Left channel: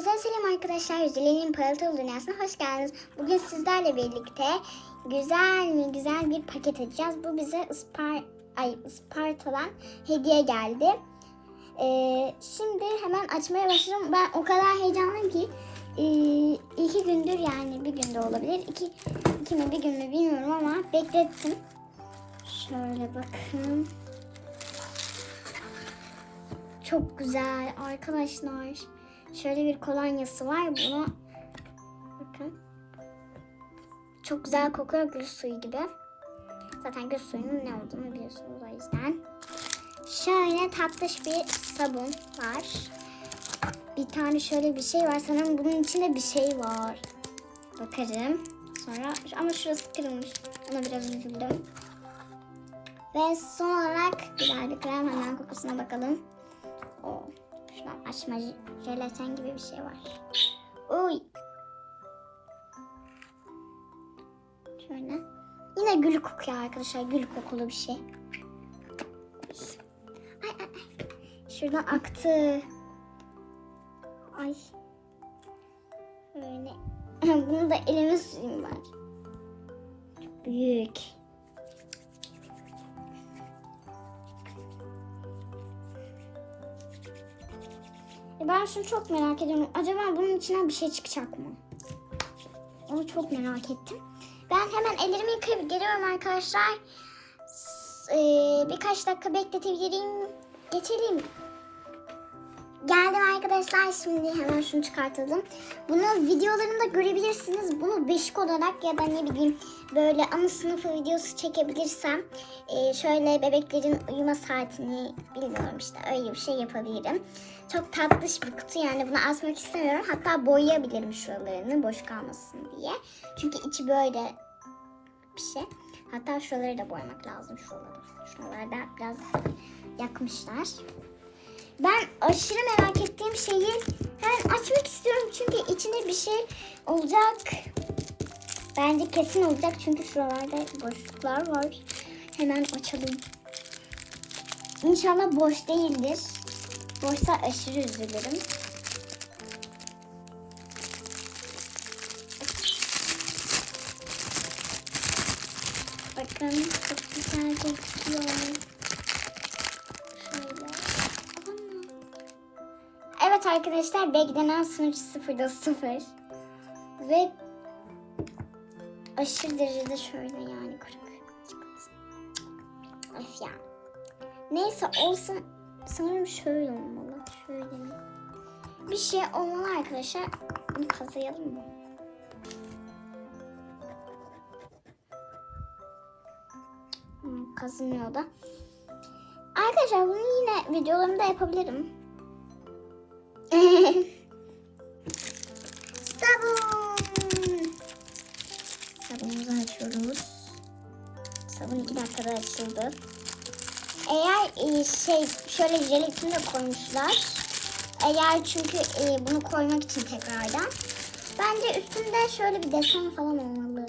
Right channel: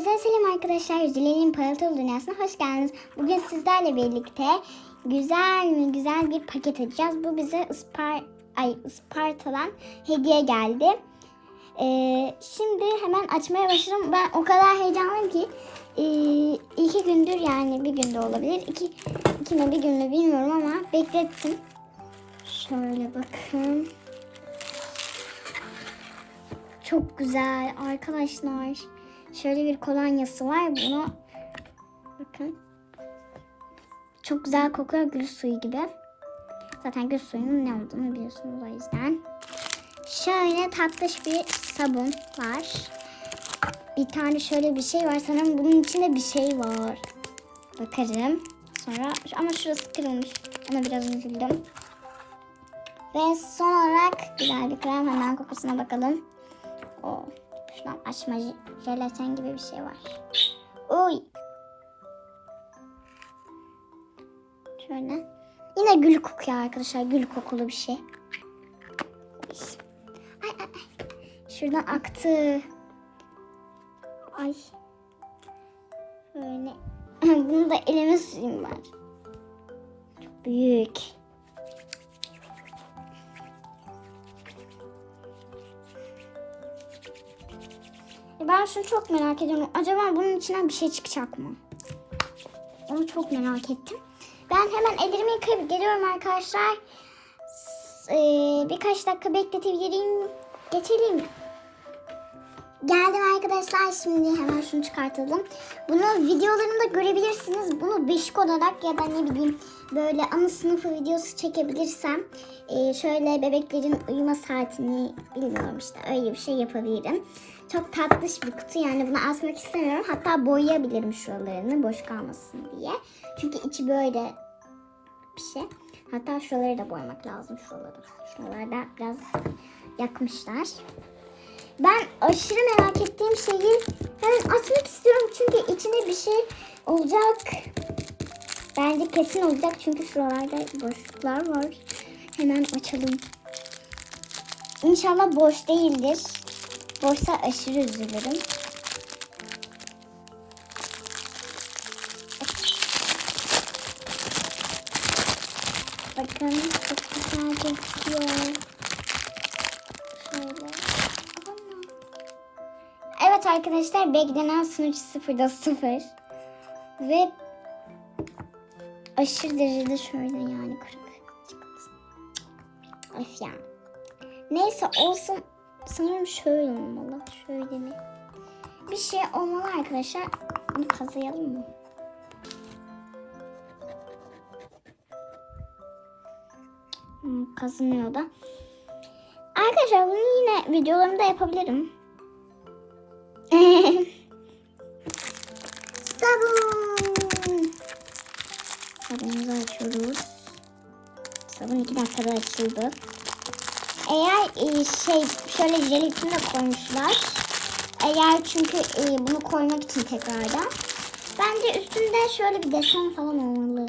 Herkese selam arkadaşlar. Yüzülerin Paraltılı Dünyası'na hoş geldiniz. Bugün sizlerle birlikte güzel mi güzel bir paket açacağız. Bu bize Ispar ay, Isparta'dan hediye geldi. Ee, şimdi hemen açmaya başlayalım. Ben o kadar heyecanlıyım ki ee, iki gündür yani bir günde olabilir. İki, iki mi bir gün mü bilmiyorum ama beklettim. Şöyle bakın. Çok güzel arkadaşlar. Şöyle bir kolonyası var. Bunu bakın. Çok güzel kokuyor gül suyu gibi. Zaten gül suyunun ne olduğunu biliyorsunuz o yüzden. Şöyle tatlış bir sabun var. Bir tane şöyle bir şey var. Sanırım bunun içinde bir şey var. Bakarım. Sonra ama şurası kırılmış. Ona biraz üzüldüm. Ve son olarak güzel bir krem. Hemen kokusuna bakalım. O şuradan açma j- jelatin gibi bir şey var. Oy. Şöyle. Yine gül kokuyor arkadaşlar. Gül kokulu bir şey. Ay, ay, ay. Şuradan aktı. Ay. Böyle. Bunu da elime süreyim ben. Çok büyük. Ben şunu çok merak ediyorum. Acaba bunun içinden bir şey çıkacak mı? Onu çok merak ettim. Ben hemen ellerimi yıkayıp geliyorum arkadaşlar. Eee, birkaç dakika bekletebilirim. Geçelim. Geldim arkadaşlar. Şimdi hemen şunu çıkartalım. Bunu videolarında görebilirsiniz. Bunu beşik olarak ya da ne bileyim böyle anı sınıfı videosu çekebilirsem eee, şöyle bebeklerin uyuma saatini bilmiyorum işte öyle bir şey yapabilirim. Çok tatlış bir kutu yani bunu asmak istemiyorum. Hatta boyayabilirim şuralarını boş kalmasın diye. Çünkü içi böyle bir şey. Hatta şuraları da boyamak lazım şuraları. Şuralarda biraz yakmışlar. Ben aşırı merak ettiğim şeyi hemen açmak istiyorum çünkü içinde bir şey olacak. Bence kesin olacak çünkü şuralarda boşluklar var. Hemen açalım. İnşallah boş değildir. Boşsa aşırı üzülürüm. Bakın çok güzel. Şöyle. Evet arkadaşlar beklenen sonuç sıfırda sıfır. Ve aşırı derecede şöyle yani kırık. Öf ya. Neyse olsun. Sanırım şöyle olmalı. Şöyle mi? Bir şey olmalı arkadaşlar. Bunu kazıyalım mı? Hmm, da. Arkadaşlar bunu yine videolarımda yapabilirim. Sabun. Sabunumuzu açıyoruz. Sabun iki dakikada açıldı. E, şey şöyle jelatin de koymuşlar. Eğer çünkü e, bunu koymak için tekrardan. Bence üstünde şöyle bir desen falan olmalı.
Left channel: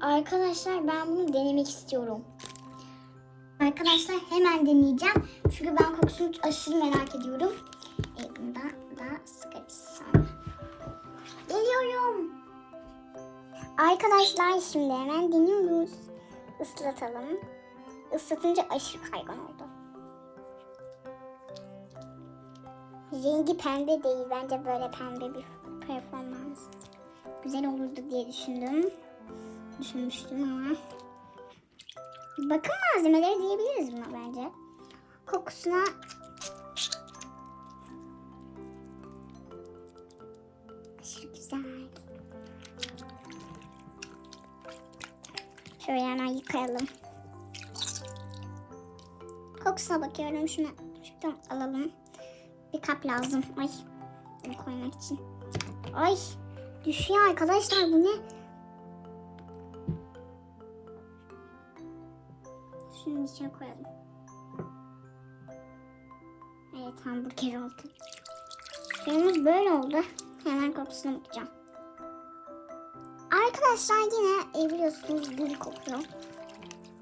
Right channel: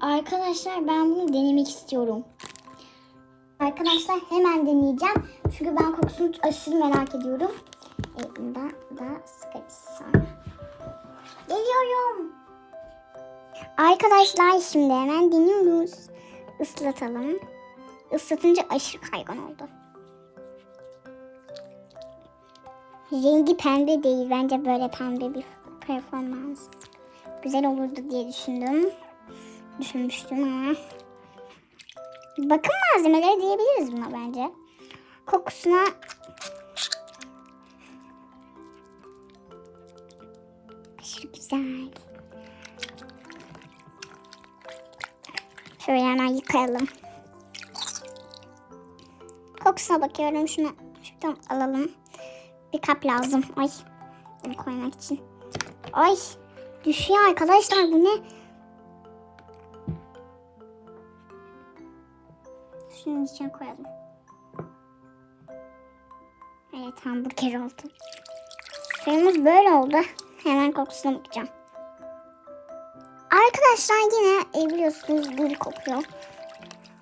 Arkadaşlar ben bunu denemek istiyorum. Arkadaşlar hemen deneyeceğim. Çünkü ben kokusunu aşırı merak ediyorum. E, bundan da sıkacağım. Geliyorum. Arkadaşlar şimdi hemen deniyoruz. Islatalım. Islatınca aşırı kaygan oldu. Rengi pembe değil. Bence böyle pembe bir performans. Güzel olurdu diye düşündüm. Düşünmüştüm ama. Bakım malzemeleri diyebiliriz buna bence. Kokusuna aşırı güzel. Şöyle hemen yıkayalım. Kokusuna bakıyorum. Şunu şuradan alalım. Bir kap lazım. Ay. Bunu koymak için. Ay. Düşüyor arkadaşlar. Bu ne? Şunun içine koyalım. Evet hamburger oldu. Suyumuz böyle oldu. Hemen kokusuna bakacağım. Arkadaşlar yine e, biliyorsunuz gül kokuyor.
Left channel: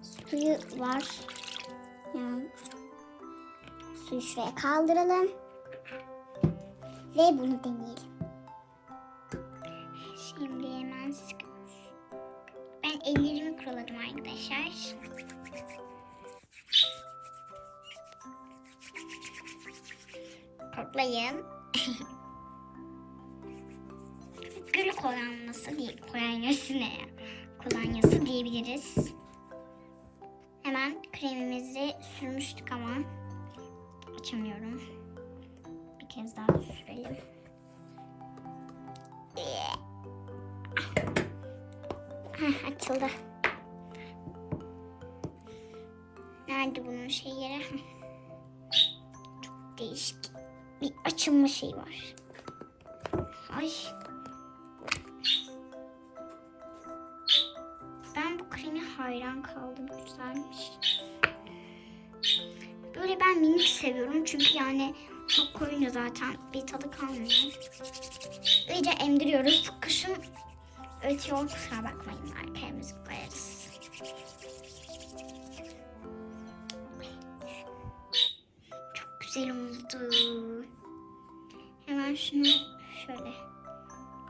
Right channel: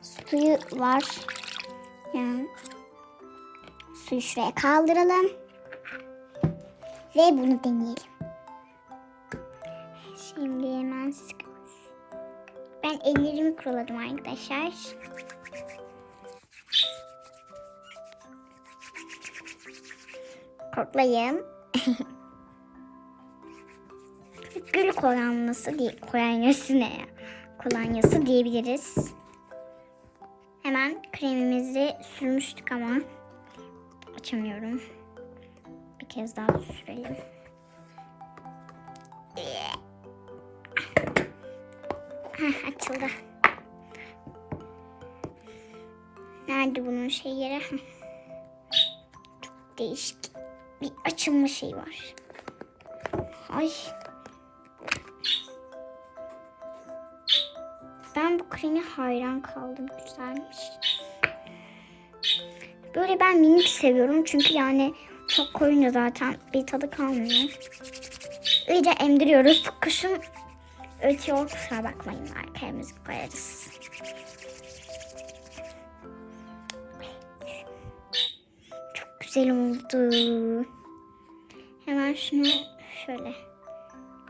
Suyu var. Suyu şuraya kaldıralım. Ve bunu deneyelim. Şimdi hemen sıkıyoruz. Ben ellerimi kuruladım arkadaşlar. Koklayın. Gül kolonyası değil. Kolonyası ne ya? Kolonyası diyebiliriz. Hemen kremimizi sürmüştük ama açamıyorum. Bir kez daha sürelim. Heh, açıldı. Nerede bunun şey yeri? Çok değişik bir açılma şeyi var. Ay. Kremi hayran kaldım. Güzelmiş. Böyle ben minik seviyorum çünkü yani çok koyunca zaten bir tadı kalmıyor. İyice emdiriyoruz. Kuşum ötüyor kusura bakmayın arkaya müzik koyarız. Çok güzel oldu. Hemen şunu şöyle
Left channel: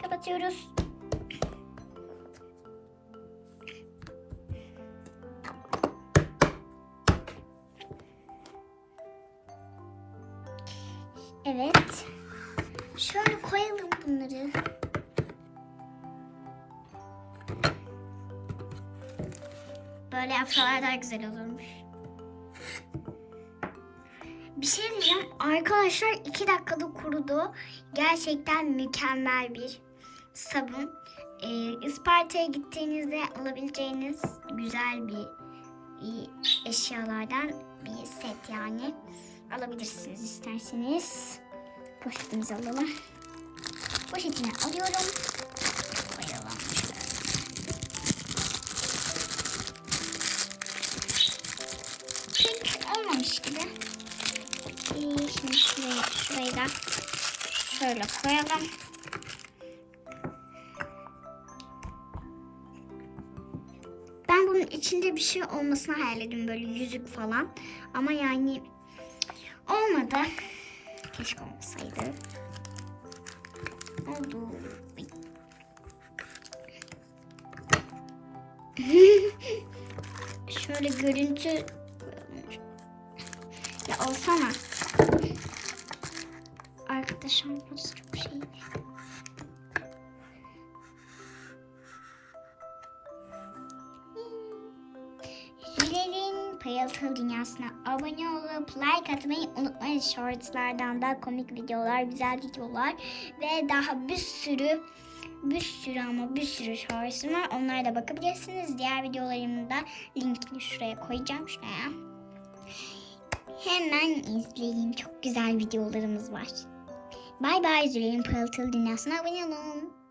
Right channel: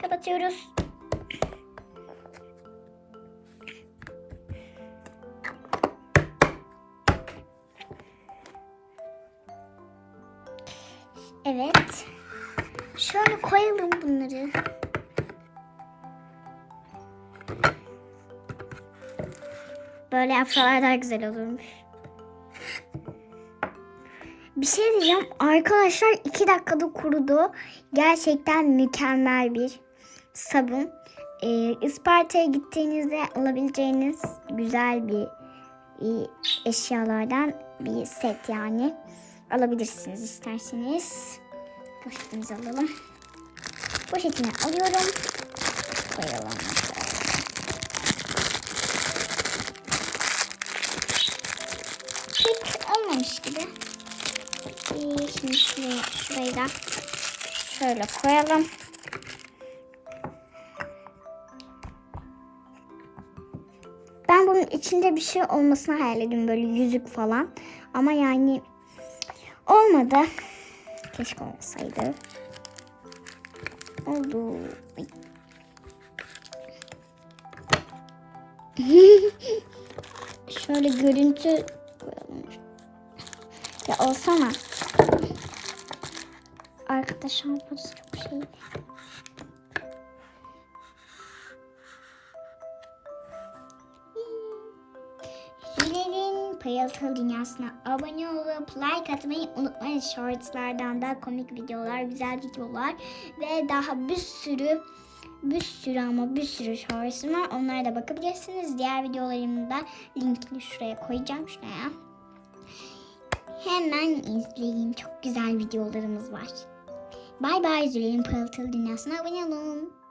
kapatıyoruz. Koyalım bunları. Böyle yapsalar daha güzel olurmuş. Bir şey diyeceğim. Arkadaşlar iki dakikada kurudu. Gerçekten mükemmel bir sabun. Ee, Isparta'ya gittiğinizde alabileceğiniz güzel bir eşyalardan bir set yani. Alabilirsiniz isterseniz. Poşetimizi alalım. Poşetini alıyorum. Koyalım olmamış gibi. Şimdi şurayı şöyle koyalım. Ben bunun içinde bir şey olmasını hayal ediyorum böyle yüzük falan. Ama yani olmadı. Keşke olmasaydı. Oldu. Şöyle görüntü ya olsana. Arkadaşlar burası çok şey. Pırıltılı Dünyası'na abone olup like atmayı unutmayın. Shortslardan da komik videolar, güzel videolar ve daha bir sürü bir sürü ama bir sürü shortsum var. Onlara da bakabilirsiniz. Diğer videolarımı da linkini şuraya koyacağım. Şuraya. Hemen izleyin. Çok güzel videolarımız var. Bay bay Zülerin Pırıltılı Dünyası'na abone olun.